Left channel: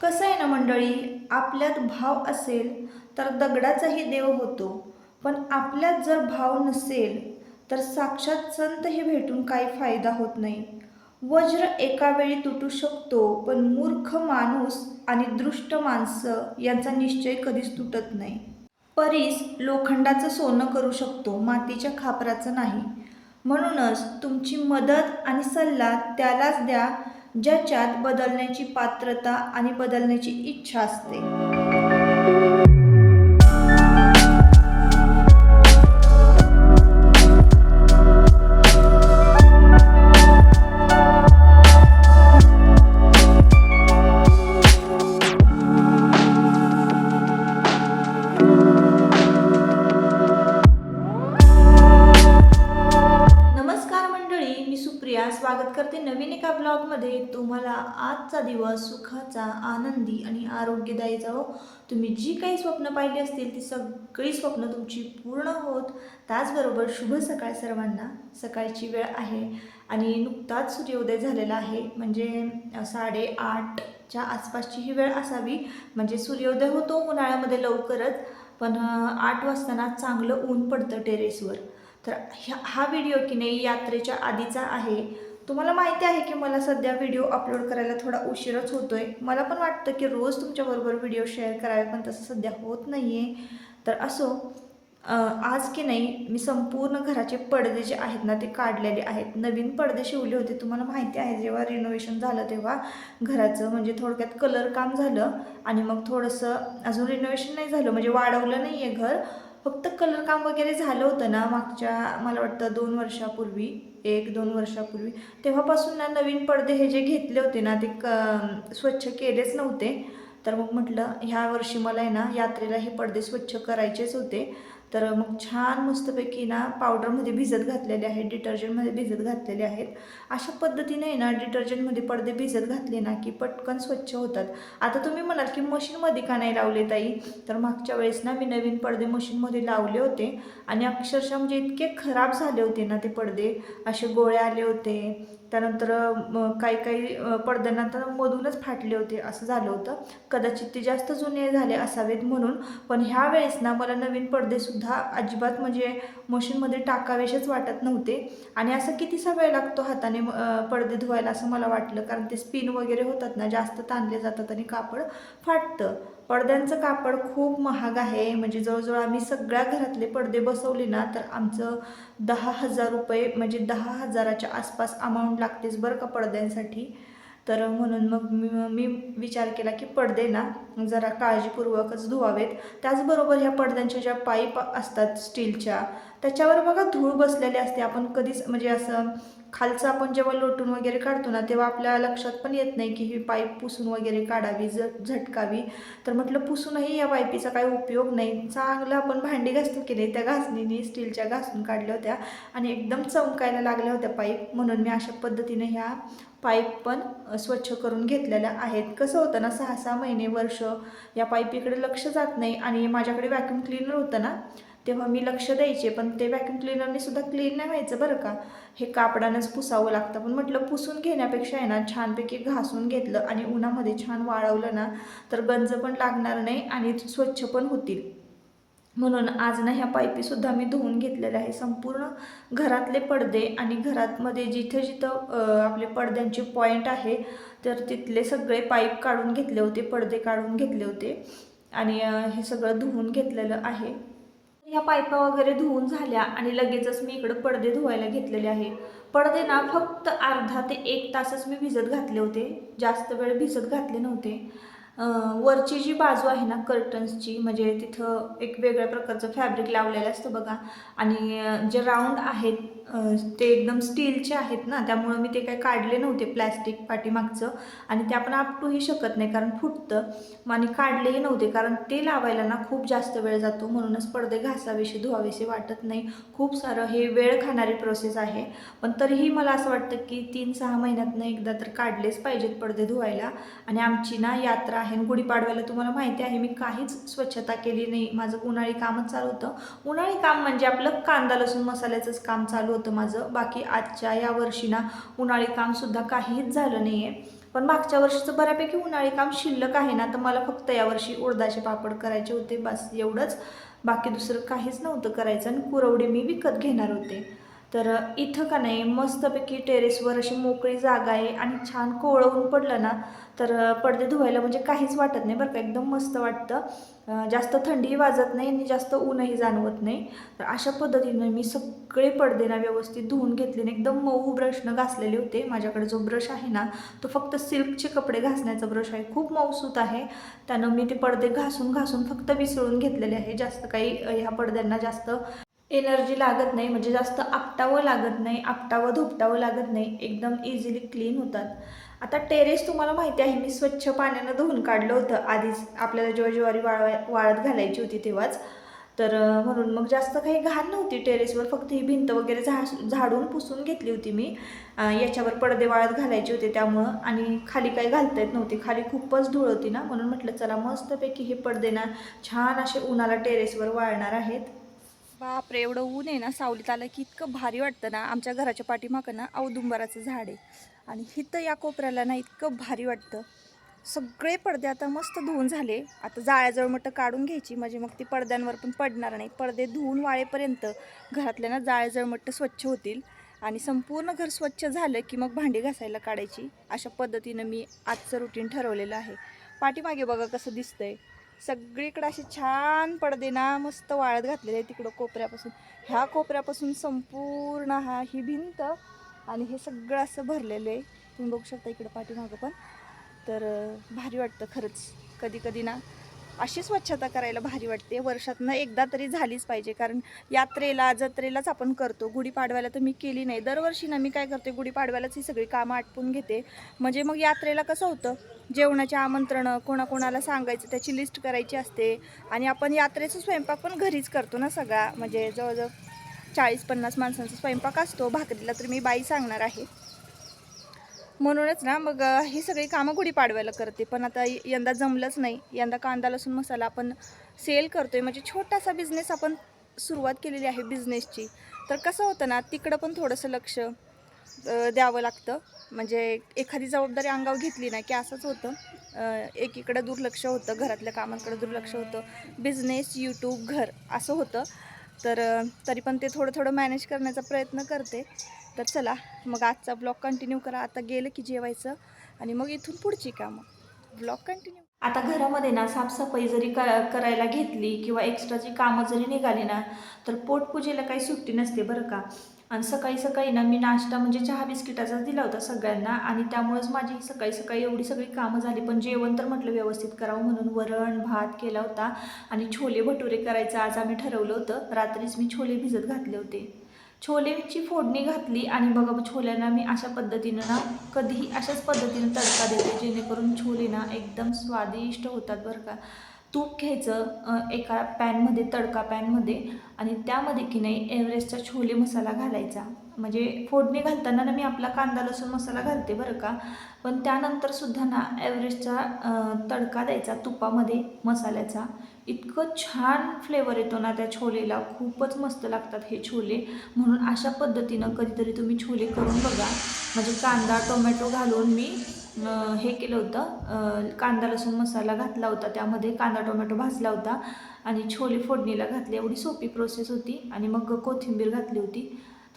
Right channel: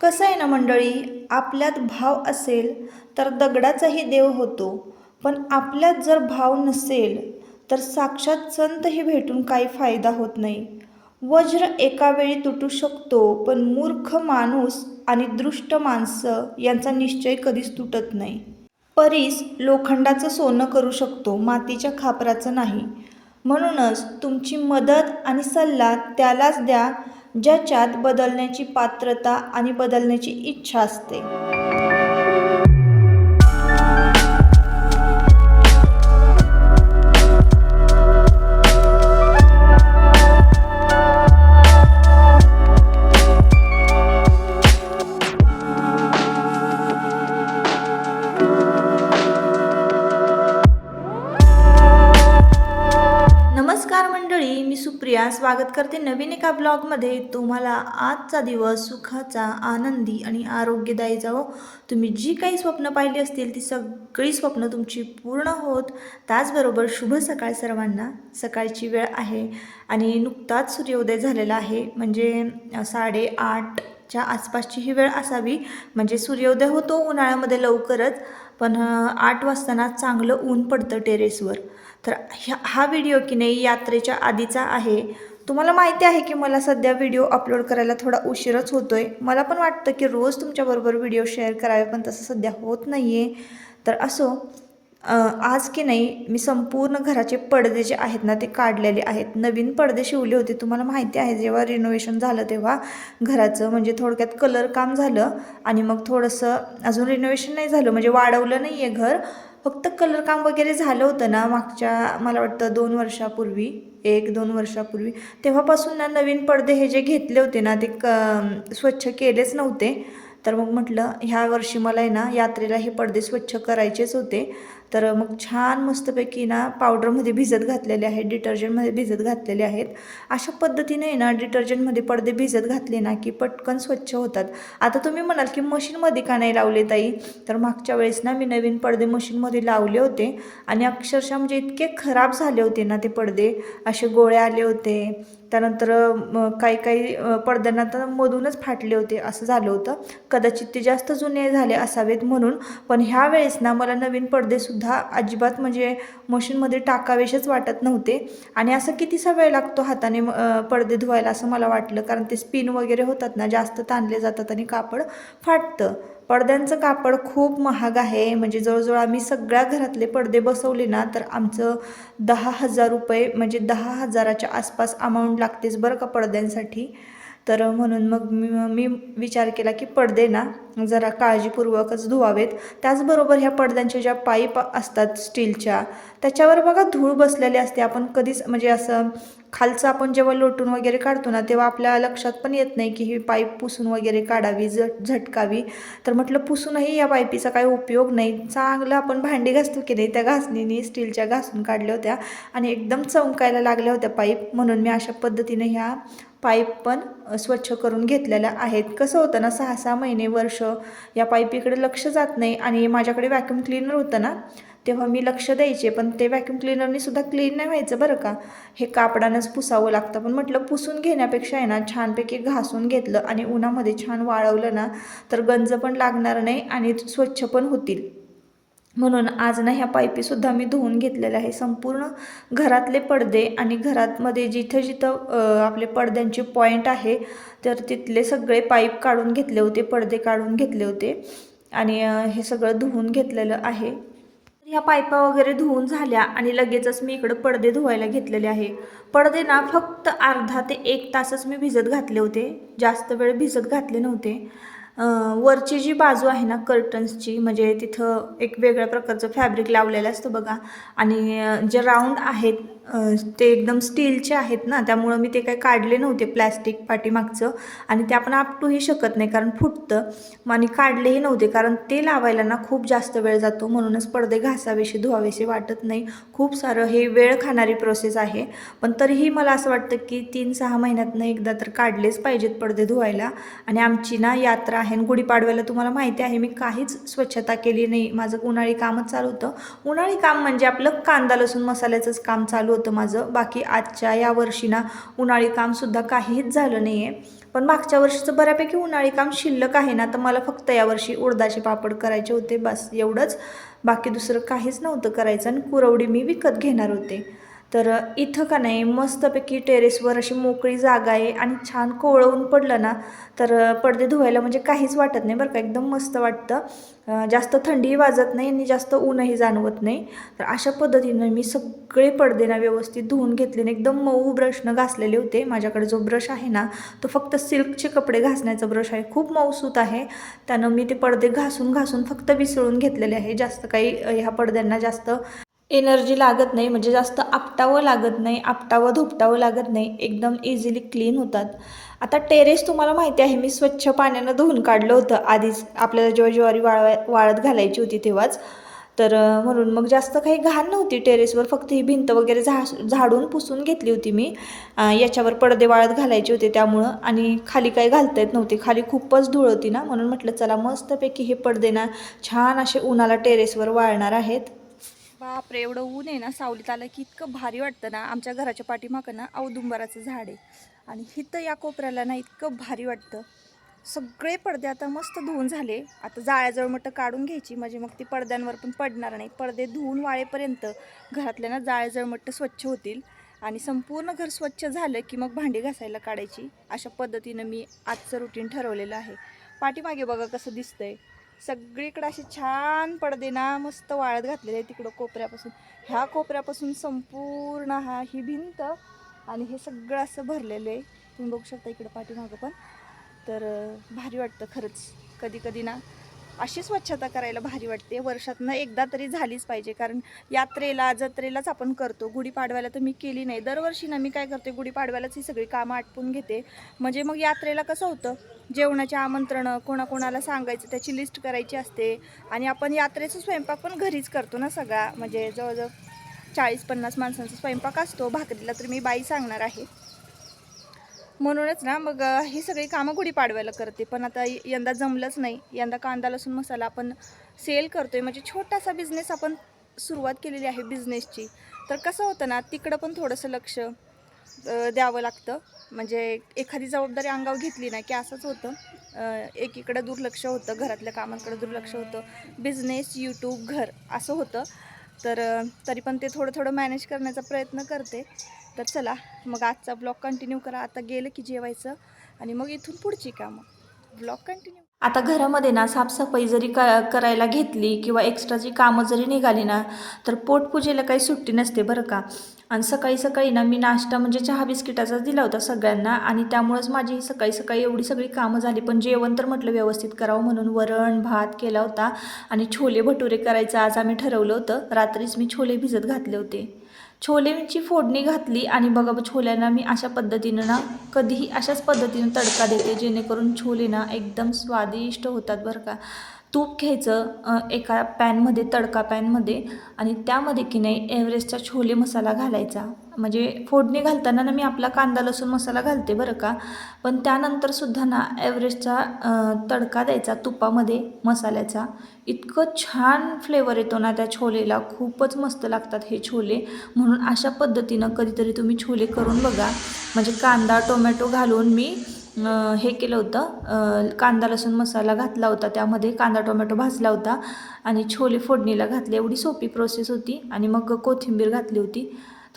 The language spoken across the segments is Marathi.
कसं आहे ना मंडळी, आपल्यात भाव असेल तर दगडाचाही देव होतो. पण आपल्यात जर भाव नसेल तर साक्षात संतही भेटून काही फायदा होत नाही. वज्र एका वेळी तुटू शकतो, पण मूर्ख माणूस आणि दृष्ट माणसं यांचा निश्चय कधीच तुटत नाही. परीस लोखंडाचं सोनं करू शकतो, मातीच्या खापराचं नाही. म्हणूनच तुमची मदत आणि सल्ला त्यालाच द्या ज्याच्यात बदलण्याची पात्रता आणि बदलण्याची इच्छा असते. नमस्कार मंडळी, मी सुप्रिया स्वागत करते नवीन एका ब्लॉगमध्ये. तुम्हाला आजचा दिवस सुखाचा, आनंदी आणि आरोग्यदायी जावो. तुम्ही जी काही स्वप्न पाहिली असतील ती सगळी स्वप्न तुमची पूर्ण होत. त्याचबरोबर शुभ सकाळ सर्वांना. सकाळची वेळ आहे आणि नुकताच सूर्योदय झालेला आहे, म्हणजे 8:30च्या आसपासची ही वेळ असावी. म्हणजे सूर्योदय होतो उन्हाळ्यामध्ये लवकरच, पण 8 वाजताना चांगलं ऊन पडतं टेरेसवर. तर हा व्हिडिओ की नाही यात्रेच्या आधीचा आहे. तुम्हाला माहिती आहे की मला सध्या व्हिडिओ अपलोड करायला थोडा उशीरच होतो आहे. मला पण वाटतं की रोज तुमच्याबरोबर व्हिडिओ शेअर करावे, पण तसं सध्या होत नाही आहे. तर असो, आज की नाही मी संपूर्ण घराचे पडदे जे आहेत ना ते काढलेले आहेत. नवीन पडदे शिवले होते. तुम्हाला माहिती आहे जेव्हा रिनोव्हेशन झालं तेव्हा घराचं, म्हणजे थोडक्यात कलर काम झालं आणि मग थोडंसं अजून रिनोव्हेशन नाही झालं, म्हणजे वाढवलं नाही आहे घर, फक्त कलर काम वगैरे झालं होतं ना मागच्या, मला वाटतं 2 वर्षापूर्वी, 1-2 वर्षापूर्वी. तेव्हापासून ना नवीन पडदे हे जे घेतले होते ना ते स्वच्छ केलेच नव्हते. तर मग म्हटलं ह्या वर्षी मला आहे ना यात्रेला हे पडदे स्वच्छ करायचेच होते. तर मग छान मस्तपैकी ना पावडरमध्ये भिजत घातलेले आहेत, डिटर्जंटमध्ये भिजत घातलेले आहेत. अशा पद्धतीने आहे ना डिटर्जंटमध्ये पडदे भिजत घातले ना की पटकन स्वच्छ होतात. आता तुम्ही म्हणाल की मशीनमध्ये का नाही लावले ताई? तर मागच्या वेळेस ना मी नवीन पडदे मशीनमध्ये लावले होते आणि अक्षरशः म्हणजे इतके खराब झाले होते ना ते पडदे, असे गोळे आले होते. त्यानंतर काही काही पडद्यांना तर मधूनच फाटले होते, असं झालं होतं. कदाचित ते जास्त जुने झाले असावेत म्हणून. पण ह्या वेळेस ना मला नवीन पडदेसुद्धा अजिबात म्हणजे मशीनमध्ये टाकावेसेच वाटत नव्हते. आणि असं कितीसा वेळ लागतो हाताने पडदे धुवायला असं मला वाटलं, कारण ते स्पिन वगैरे होतात ना, जास्त ताणले जातात आणि कापड फाटतं. पडद्यांचं कापड खूप महाग आहे, म्हणजे जवळजवळ आम्ही सगळ्या घरातले पडदे बसवले ना तर आमचं 10,000 रुपये, म्हणजे 10,000च्या आसपास अमाऊंट लागतेच बरं का पडद्यांसाठी. तर म्हणून मग मी विचार केला की पडदे ना जरा काळजीपूर्वकच धुवावेत. त्याचबरोबर ह्या पडद्यांच्या ज्या पाईप असतात स्टीलच्या, त्याच्यावर बघा धूळ बसलेली असते. आपण कधीच म्हणजे असं खालचं आपण जेव्हा लोटून वगैरे काढतो ना तेव्हा आपल्या लक्षात पण येत नाही की ही पाईप पुसून वगैरे काढावी, झटकावी. तर म्हटलं पुसूनही या पाईपीचा काही उपयोग नाही. चांगलं आपण भांडी घासतो की नाही, त्या घासणीने स्टीलच्या घासून काढल्या होत्या आणि एकदम चमकायला लागल्या होत्या पाईप. म्हणून मी अशा पद्धतीने ह्या पाईप पण स्वच्छ करून घेतलेल्या आहेत. कसं होतं ना 6-6 महिने, वर्ष या पाईपीकडे लक्ष जात नाही. आणि माझ्याकडे व्हॅक्यूम क्लीनर होतं ना तेव्हा मी लक्ष द्यायचे, पण ते व्हॅक्यूम क्लीनरने सुद्धा क्लीन नाही व्हायचं बरं का, हे कापडानंच पुसावं लागतं. पण म्हटलं पुसून घेण्यापेक्षा आहे ना छानपैकी घासून घेतलं आणि उन्हामध्ये छान वाळवलं ना तर गंज पण लागणार नाही आणि स्वच्छ पण होतील. म्हणून आज ना ह्या पाईपीसुद्धा मी धुवून घेतलेल्या आहे. संपूर्ण घरातले पडदे आणि घरातमध्ये जिथं जिथं आपले पडद्यांचे पॉईंट आहे तर तिथले सगळे पाईप काढून घेतले होते, पडदे काढून घेतले होते आणि हे सगळं धुवून घेतलेलं आहे. ह्या पाईपा वगैरे धुवून झाल्या आणि लगेचच मी इकडं पडदे धुवायला घेतलेले आहे. पडदे ना फक्त अर्धा ते 1 तासच मी भिजत घातले होते, जास्त वेळ भिजत घातले नव्हते. वरची जी बाजू आहे ना कर्टन्सची, म्हणजे तिथं एक वेगळ्या प्रकारचं फॅब्रिक लावलेलं असतं बघा, आणि जे राऊंड आहेत ते एकदम स्टीलचे आहेत ना, त्यामुळं मी ते काही काढले नव्हते प्लॅस्टिक पाठीमागचं, आणि ते आपण आपटूही शकत नाही कारण फुटतं. आणि काढलेही नव्हते कारण ते लावायला ना खूप जास्त वेळ जातो. म्हणूनच पडदे घासावेसे धुवावेसे वाटत नाही. खूप सारं हे वेळ खाणारी प्रोसेस आहे. पण तरीही मला असं वाटतं की 3-6 महिन्यातनं एकदा तर काढलेच पाहिजेत पडदे धुवायला. आणि आमची ना यात्रा आहे गुढीपाडव्याला, तुम्हाला माहिती आहे मी काहीच स्वच्छता केली नाही. माझं उन्हाळी कामच चालू होतं. उन्हाळी काम म्हणजे आपलं कांदा लसूण मसाल्याचंच काम चालू होतं माझं. बाकी आजच्या या वर्षी ना उन्हाळी कामसुद्धा काहीच झालं नाही आहे. पण मागच्या वर्षीचं बऱ्यापैकी उन्हाळी काम शिल्लक आहे ना, तर मला फक्त यावर्षी उडदाचे पापड करायचे होते, बस एवढंच. बाकी दुसरं काहीच नव्हतं करायचं आणि कुरवडी मी विकत घेणार होते. तर इथं का नाही मस्तपैकी टेरेसवर अशी मोकळी जागा आहे आणि छान कोवळं ऊन पडलं ना, तर पडदे धुवायला म्हणजे काहीच वाटत नाही बरं का, एकदम मस्त वाटतं. जास्त थंडीही वाजत नाही आणि जास्त ऊनही जाणवत नाही. तर अशा पद्धतीनं मी सगळे पडदे ना व्यवस्थित धुवून घेतले आणि एकदम मऊ ब्रशनं घासलेले होते. माझ्याकडे जो ब्रश आहे ना, तो फक्त सिल्कचे कपडे घासण्याचा ब्रश आहे, खूप मऊसूत आहे. त्यानं मी ते पडदे घासून घासून फक्त विसळून घेतलेले आहे. जास्त काही ह्या पडद्यांना जास्त एनर्जी लागत नाही, म्हणजे जास्त आपटावं लागत नाही, आपटावं धुपटावं लागत नाही, एकदम इझिली क्लीन होतात. आता टेरेस तुम्हाला माहिती आहे मी स्वच्छ पाण्यानं धुवून काढलं होतं आधीच, आपल्याला जेव्हा ज्वारी वाळत घालायची होती तेव्हाच. तर म्हणून मग जास्त काही घाण नव्हती टेरेसवर, फक्त ही भिंत वगैरे झाडून पुसून घेतली होती मी. याच्यावर पडदे वाळत घालायचे होते त्यामुळं, आणि खाली काही घालता येत नव्हती, खाली खूपच धूळ होती ना, म्हणून म्हटलं चला मस्तपैकी हे पडदे ना छान असे उन्हाला टेरेसवर वाळणार आहेत. बापरे, एवढं ऊन आहे ना, सावलीत आलं की इतकं भारी वाटतं ना. आमच्या घराच्या पाठीमागं ना औदुंबराचं झाड आहे आणि हिथं या कोपऱ्याला ना इतकं भारी वाटतं. सगळे पडदे आता मस्त धुवून झाले. आता जाळ्याजवळ मटं काढून घ्यायची, म्हणजे मग ती पडद्यांवर पण पडणार नाही. पडदे धुवून वाळेपर्यंत घरातल्या ना जाळ्याजवळ मट्ट स्वच्छ होतील आणि संपूर्ण घर स्वच्छ झालं की मग भांडी घासायला काढायची. अशा पद्धतीनं मी आजचं रुटीन ठरवलेलं आहे. पाठीमागे बघा कसं दिसतंय, सगळीकडे असे छान पडदे ना मस्त वाळत घातलेले आहे. तिकडं कोपऱ्यापासून, ह्या कोपऱ्यापासून संपूर्ण ही भिंत आणि हे सगळं असं भरलेलं आहे. तुम्ही बघू शकता इकडं पाठीमागं पण. तर भारी वाटतं खरंच. कधी कधी ना अशी स्वच्छता करायला भारी वाटते. वर्षातनं एकदा तरी झालीच पाहिजे, कारण यात्रेला जत्रेलाच आपण करतो. गुढीपाडव्याला तर मी केली नाही. दरवर्षी ना मी काय करते, गुढीपाडव्यालाच ही सगळी कामं आटपून घेते. म्हणजे मग यात्रेला कसं होतं, जेवणाचे आमंत्रणं कोणाकोणाला सांगायचं त्याची लिस्ट करायची असते, आणि आपण यात्रेचा स्वयंपाक पण घरीच करतो ना सगळा. म्हणजे जवळजवळ 40-50 माणसांचा स्वयंपाक असतो. भाकरीला तर मी बाई सांगणार आहे. म्हणूनच ना मग ही सगळी कामं गुढीपाडव्याला करते. पण आता यंदा जमलंच नाही. यंदा कांदा लसूण मसाला आपण सेल करतोय, म्हणजे छोटासा बिझनेस आपण सुरुवात केलेली आहे बिझनेसची. तर कसं होतं ना, तिकडं पण थोडंसं लक्ष द्यावं लागतं. म्हणजे एखादी जबाबदारी अंगावर घेतली ना की असंच होतं, एकीकडं दुर्लक्ष होतं, घरातल्या कामांकडे दुर्लक्ष होतं, बिझनेस, यूट्यूब, घर असं होतं. तर तरी पण ते थोडं थोडं मॅनेज करण्याचा प्रयत्न करते. तर चला मग आजचा ब्लॉग कंटिन्यू करा. आता गेलं की जेवायचं आणि मग इथून पुढची कामं. Blog continue. आता घरामध्ये ना साफसफाई जरी करायला घेतली किंवा एक्स्ट्राची कामं जरी निघाली ना, तर पोटपूजेला काही सुट्टी नसते बरं का. आणि सकाळी सकाळी ना मी नाश्ता म्हणजे चहा बिस्किटाचाच दिला होता सगळ्यांना, आणि त्यामुळंच माझी सकाळी सकाळी एवढी सगळी कामं झाली. पण जेवण तर म्हटलं व्यवस्थित करावं म्हणून वरण भात केला होता आणि छोले भटुरे करायचं आज आम्ही ठरवलं होतं. रात्रीच मी छोले भिजत घातले होते. छोलेची फोडणी घातली आणि बघा छोल्यांना मी अशा पद्धतीनं ना कधीही अशाच पद्धतीनं तडका देते, जेणेकरून छोले ना एकदम स्वादिष्ट होतात बरं का. तूप घ्यायचं एका पॅनमध्ये, तडका पॅनमध्ये, आणि त्यामध्ये की नाही एव्हरेस्टचा छोले मसाला घालायचा. म्हणजे फोडणी घालताना ना मी आपला कांदा लसूण मसाला घालते बरं का, पण त्यानंतरसुद्धा ना एव्हरेस्टचा तडका द्यायचा तुपामध्ये मसाल्याचा. इतकं छान फ्लेवर येतो ना त्या छोलेला, खूपच मस्त लागतात हे छोले. म्हणून अशा पद्धतीनं कधीतरी तुम्ही छोले करून बघा. म्हणजे कांदा टोमॅटो घालून मी हे केलं होतं, कांदा लसूण मसाला घातला होता, त्यामध्ये कांदा टोमॅटो भाजला होता आणि छोले फोडणीला घातले. एवढी सोपी प्रोसेस होती. आणि मग कोथिंबीर घातली होती.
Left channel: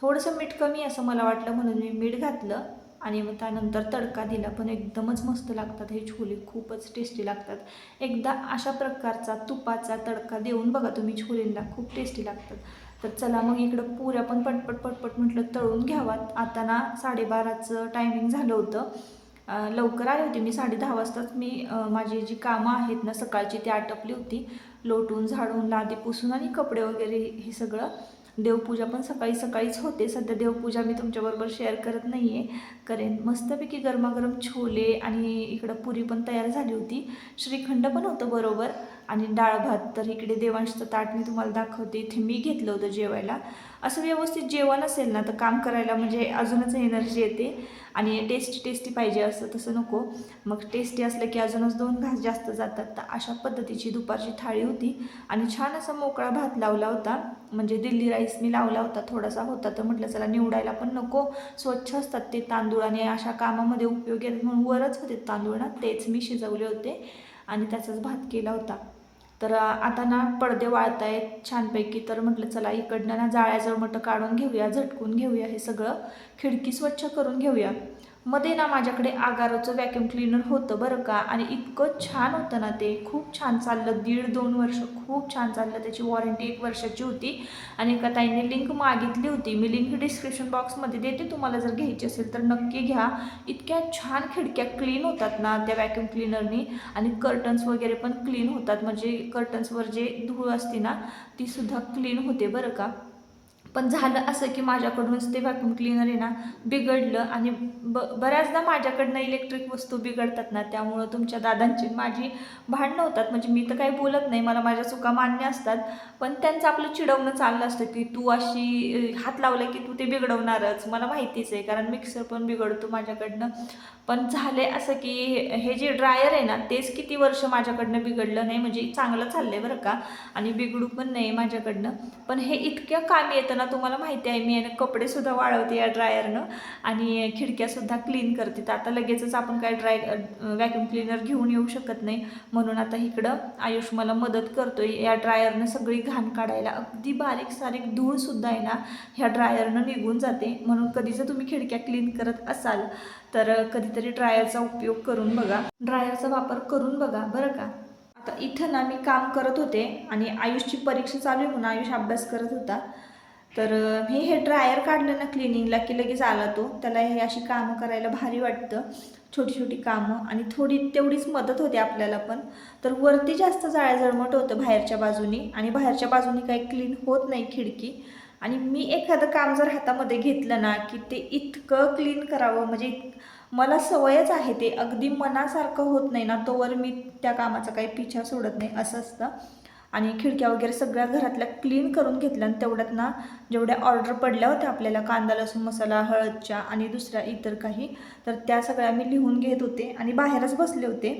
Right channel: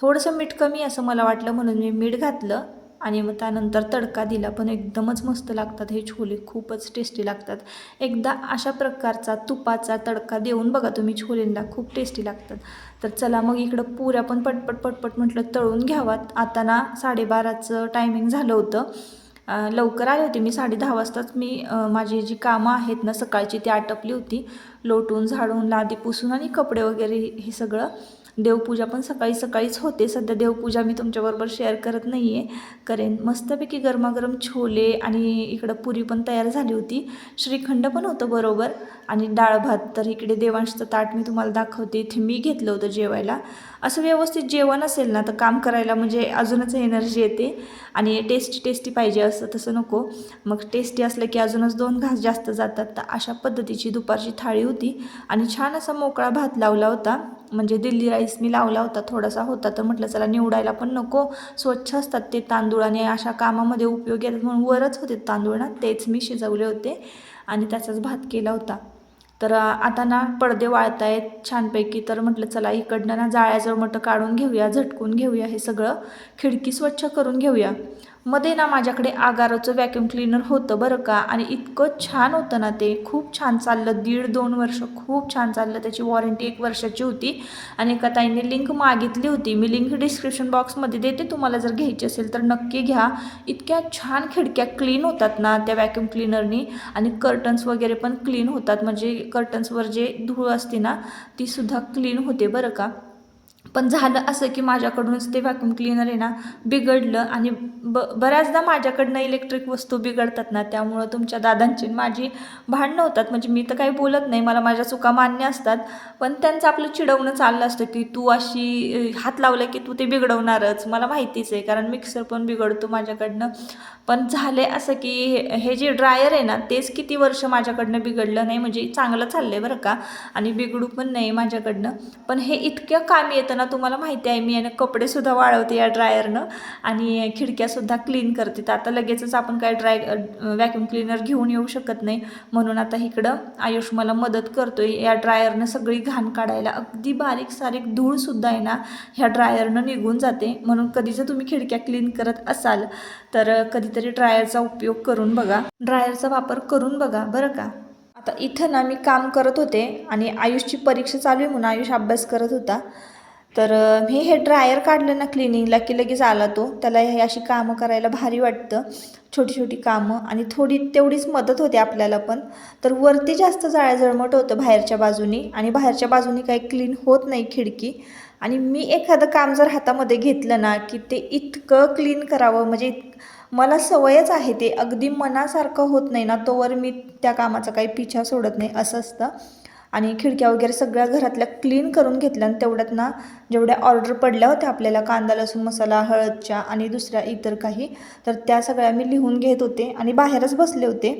थोडंसं मीठ कमी असं मला वाटलं म्हणून मी मीठ घातलं आणि मग त्यानंतर तडका दिला. पण एकदमच मस्त लागतात हे छोले, खूपच टेस्टी लागतात. एकदा अशा प्रकारचा तुपाचा तडका देऊन बघा तुम्ही छोलेंना, खूप टेस्टी लागतात. तर चला मग इकडं पुऱ्या पण पटपट पटपट म्हटलं तळून घ्यावात. आता ना 12:30चं टायमिंग झालं होतं. लवकर आले होते मी, 10:30 वाजताच मी माझी जी कामं आहेत ना सकाळची ती आटपली होती. लोटून झाडून लादी पुसून आणि कपडे वगैरे हे सगळं. देवपूजा पण सकाळी सकाळीच होते. सध्या देवपूजा मी तुमच्याबरोबर शेअर करत नाही आहे, करेन. मस्तपैकी गरमागरम छोले आणि इकडं पुरी पण तयार झाली होती. श्रीखंड पण होतं बरोबर आणि डाळ भात. तर इकडे देवांशचं ताट मी तुम्हाला दाखवते. इथे मी घेतलं होतं जेवायला. असं व्यवस्थित जेवण असेल ना तर काम करायला म्हणजे अजूनच एनर्जी येते, आणि टेस्टी टेस्टी पाहिजे असं तसं नको. मग टेस्टी असलं की अजूनच 2 घास जास्त जातात. तर अशा पद्धतीची दुपारची थाळी होती आणि छान असा मोकळा भात लावला होता. म्हणजे दिल्ली राईस मी लावला होता, थोडासा होता, तर म्हटलं चला निवडायला पण नको, स्वच्छ असतात ते तांदूळ आणि अशा कामामध्ये उपयोगी आहेत म्हणून वरच होते तांदूळ ना, तेच मी शिजवले होते आणि त्याचाच भात केला होता. तर आता ना पडदे वाळत आहेत छानपैकी, तर म्हटलं चला इकडनं ना जाळ्याजवळ मोठं काढून घेऊया, झटकून घेऊया हे सगळं, खिडकी स्वच्छ करून घेऊया. मध्ये ना माझ्याकडे आगारोचं व्हॅक्यूम क्लीनर होतं बरं का, आणि इतकं छान होतं ना ते, खूप छान चाललं, 1.5-2 वर्ष खूप छान चाललं. त्याची वॉरंटी 1 वर्षाची होती आणि एका ताईने लिंक मागितली होती, मी लिंक डिस्क्रिप्शन बॉक्समध्ये देते, तुम्हाला जर घ्यायची असेल तर नक्की घ्या. इतक्या छान खिडक्या क्लीन होतात ना त्या व्हॅक्यूम क्लीनरनी, आणि कर्टन्स वगैरे पण क्लीन होतात, म्हणजे कर्टन्सवर जे धूळ असते ना तीसुद्धा क्लीन होते बरं का. पण झालं असं की माझ्याकडूनच ते व्हॅक्यूम क्लीनर आहे ना बिघडलं, आणि बऱ्याचदा माझ्याकडनं इलेक्ट्रिक वस्तू बिघडतात ना, त्यामुळं तुमच्या दादांची माझी भांडणं होतात. म्हणजे मी तर काही बोलत नाही, मला माझ्या चुका मान्य असतात, पण त्यांचं आपलं चिडवणं चाललं असतं की तू अशी हात लावला की तू ते बिघडवणारच. मला माहितीच आहे, कारण मिक्सर पण बिघडतो माझ्याकडनं. पण झाले असं की हे जे ड्रायर आहे ना तेच किती वर्ष माझ्याकडनं बिघडलं नाही, म्हणजे चांगलं चाललं आहे बरं का, आणि बिघडू पण नाही माझ्याकडनं. पण हे इतक्या कामी येतं ना, तुम्हाला माहिती आहे मी आणि कपडेसुद्धा वाळवते या ड्रायरनं आणि खिडक्यासुद्धा क्लीन करते. तर आता लगेचच आपण काय व्हॅक्यूम क्लीनर घेऊन येऊ शकत नाही, म्हणून आता इकडं आयुष मला मदत करतोय या ड्रायरनं सगळी घाण काढायला. अगदी बारीक सारीक धूळसुद्धा आहे ना ह्या ड्रायरनं निघून जाते. म्हणून कधी जर तुम्ही खिडक्या क्लीन करत असाल तर कधीतरी ड्रायरचा उपयोग करून बघा, ड्रायरचा वापर करून बघा बरं का. आता इथं ना मी काम करत होते आणि आयुषची परीक्षा चालू आहे म्हणून आयुष अभ्यास करत होता. तर मी हे ड्रायर काढलं ना क्लिनिंगला की लगेच आला तो. त्याला हे अशी कामं करायला भारी वाटतं, छोटी छोटी कामं, आणि थोडी तेवढीच मदत होते आपल्याला पण. तर वरती जास्त जाळ्याजळमट होतं बाहेरच्या बाजूनी, आणि बाहेरच्या बाजूनी काही क्लीन होत नाही खिडकी. आणि मी एखादं काम जर हातामध्ये घेतलं ना की ते इतकं क्लीन करावं, म्हणजे मला सवयच आहे, ते अगदी मनासारखं होत नाही ना तोवर मी त्या कामाचा काही पिछा सोडत नाही, असं असतं. आणि खिडक्या वगैरे सगळ्या घरातल्या क्लीन करून घेतल्या, आणि तेवढ्यात ना जेवढ्या ऑर्डर पडल्या होत्या आपल्याला कांदा लसूण मसाला हळदच्या आणि दुसऱ्या इतर काही, तर त्या सगळ्या मी लिहून घेत होते आणि बाहेरच बसले होते.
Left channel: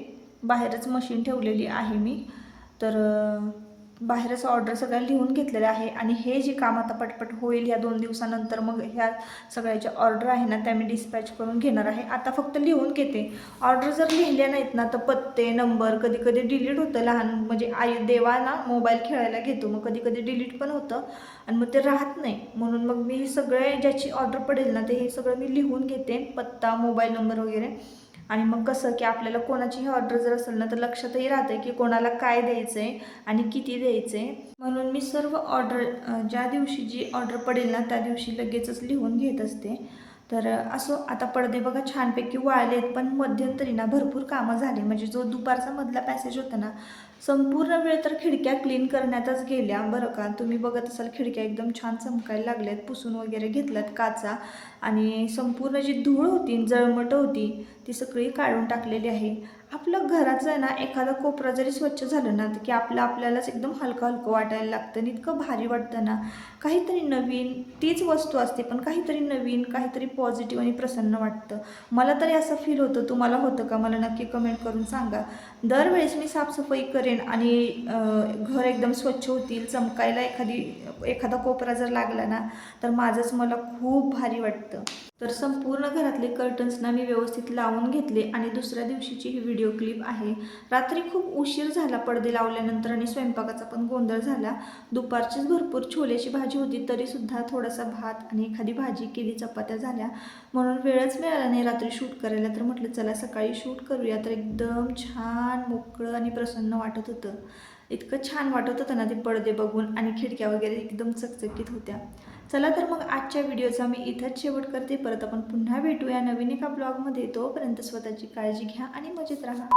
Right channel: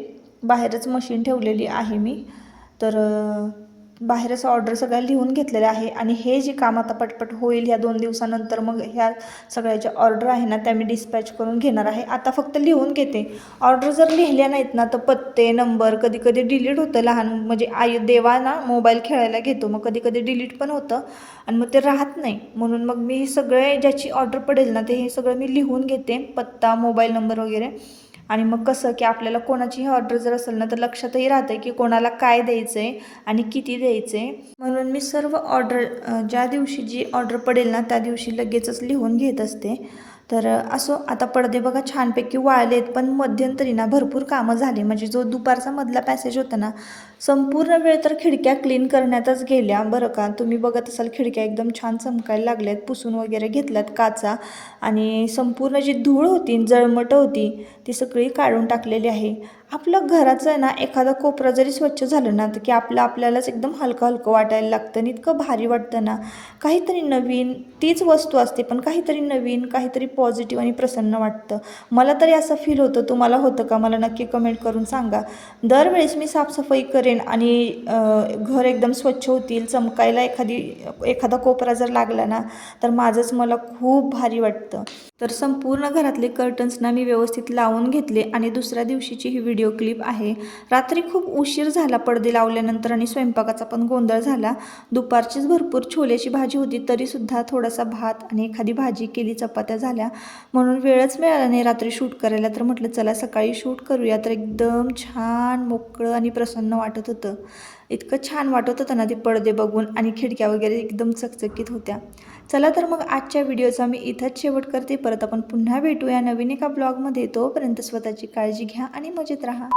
बाहेरच मशीन ठेवलेली आहे मी, तर बाहेरच ऑर्डर सगळ्या लिहून घेतलेल्या आहे. आणि हे जे काम आता पटपट होईल ह्या 2 दिवसानंतर, मग ह्या सगळ्याच्या ऑर्डर आहे ना त्या मी डिस्पॅच करून घेणार आहे. आता फक्त लिहून घेते. ऑर्डर जर लिहिल्या नाहीत ना तर पत्ते नंबर कधी कधी डिलीट होतं, लहान म्हणजे देवा ना मोबाईल खेळायला घेतो, मग कधी कधी डिलीट पण होतं आणि मग ते राहत नाही. म्हणून मग मी सगळे ज्याची ऑर्डर पडेल ना ते हे सगळं मी लिहून घेते, पत्ता मोबाईल नंबर वगैरे. आणि मग कसं की आपल्याला कोणाची ऑर्डर जर असेल ना तर लक्षातही राहतं की कोणाला काय द्यायचं आहे आणि किती द्यायचं आहे. म्हणून मी सर्व ऑर्डर ज्या दिवशी जी ऑर्डर पडेल ना त्या दिवशी लगेचच लिहून घेत असते. तर असो, आता पडदे बघा छानपैकी वाळलेत, पण मध्यंतरी ना भरपूर कामं झाली. म्हणजे जो दुपारचा मधला पॅसेज होता ना संपूर्ण वेळ तर खिडक्या क्लीन करण्यातच गेल्या बरं का. तुम्ही बघत असाल खिडक्या एकदम छान चमकायला लागल्यात, पुसून वगैरे घेतल्यात काचा, आणि संपूर्ण जी धूळ होती जळमट होती ती सगळी काढून टाकलेली आहे. आपलं घराचं आहे ना एखादा कोपरा जरी स्वच्छ झालं ना तर की आपल्यालाच एकदम हलकं हलकं वाटायला लागतं आणि इतकं भारी वाटतं ना. काहीतरी नवीन, तीच वस्तू असते पण काहीतरी नवीन, काहीतरी पॉझिटिव्ह आणि प्रसन्न वाटतं. मला तरी असं फील होतं, तुम्हाला होतं का मला नक्की कमेंट करून सांगा. दरवेळेस मी साफसफाई करेन आणि घर एकदम स्वच्छ होतील, चमकायला एखादा कोपरा जर लागला ना तर माझंच मला खूप भारी वाटतं. तर संपूर्ण घरातले कर्टन्स ना मी व्यवस्थित लावून घेतले, आणि दुसऱ्या दिवशीची ही व्हिडिओ क्लिप आहे. रात्री खूप उशीर झाला पडदे लावल्यानंतर आणि स्वयंपाकाचा पण गोंधळ झाला. दुपारचीच भरपूर छोल्याची भाजी होती, तरीसुद्धा थोडासा भात आणि एखादी भाजी केली, चपात्या झाल्या, म्हणून वेळच मिळाला नाही रात्री शूट करायला. तर म्हटलं चला सकाळी शूट करूया. तर एकदम छान मोकळं आणि प्रसन्न वाटत होतं. इतकं छान वाटत होतं ना ते पडदे बघून, आणि खिडक्या वगैरे एकदम चकचकीत होत्या. चला तर मग आजच्या व्हिडिओचा मी इथंच शेवट करते. परत आपण पुन्हा भेटूया नवीन एका ब्लॉगमध्ये. तोपर्यंत स्वतःची काळजी घ्या आणि मजेत राहा.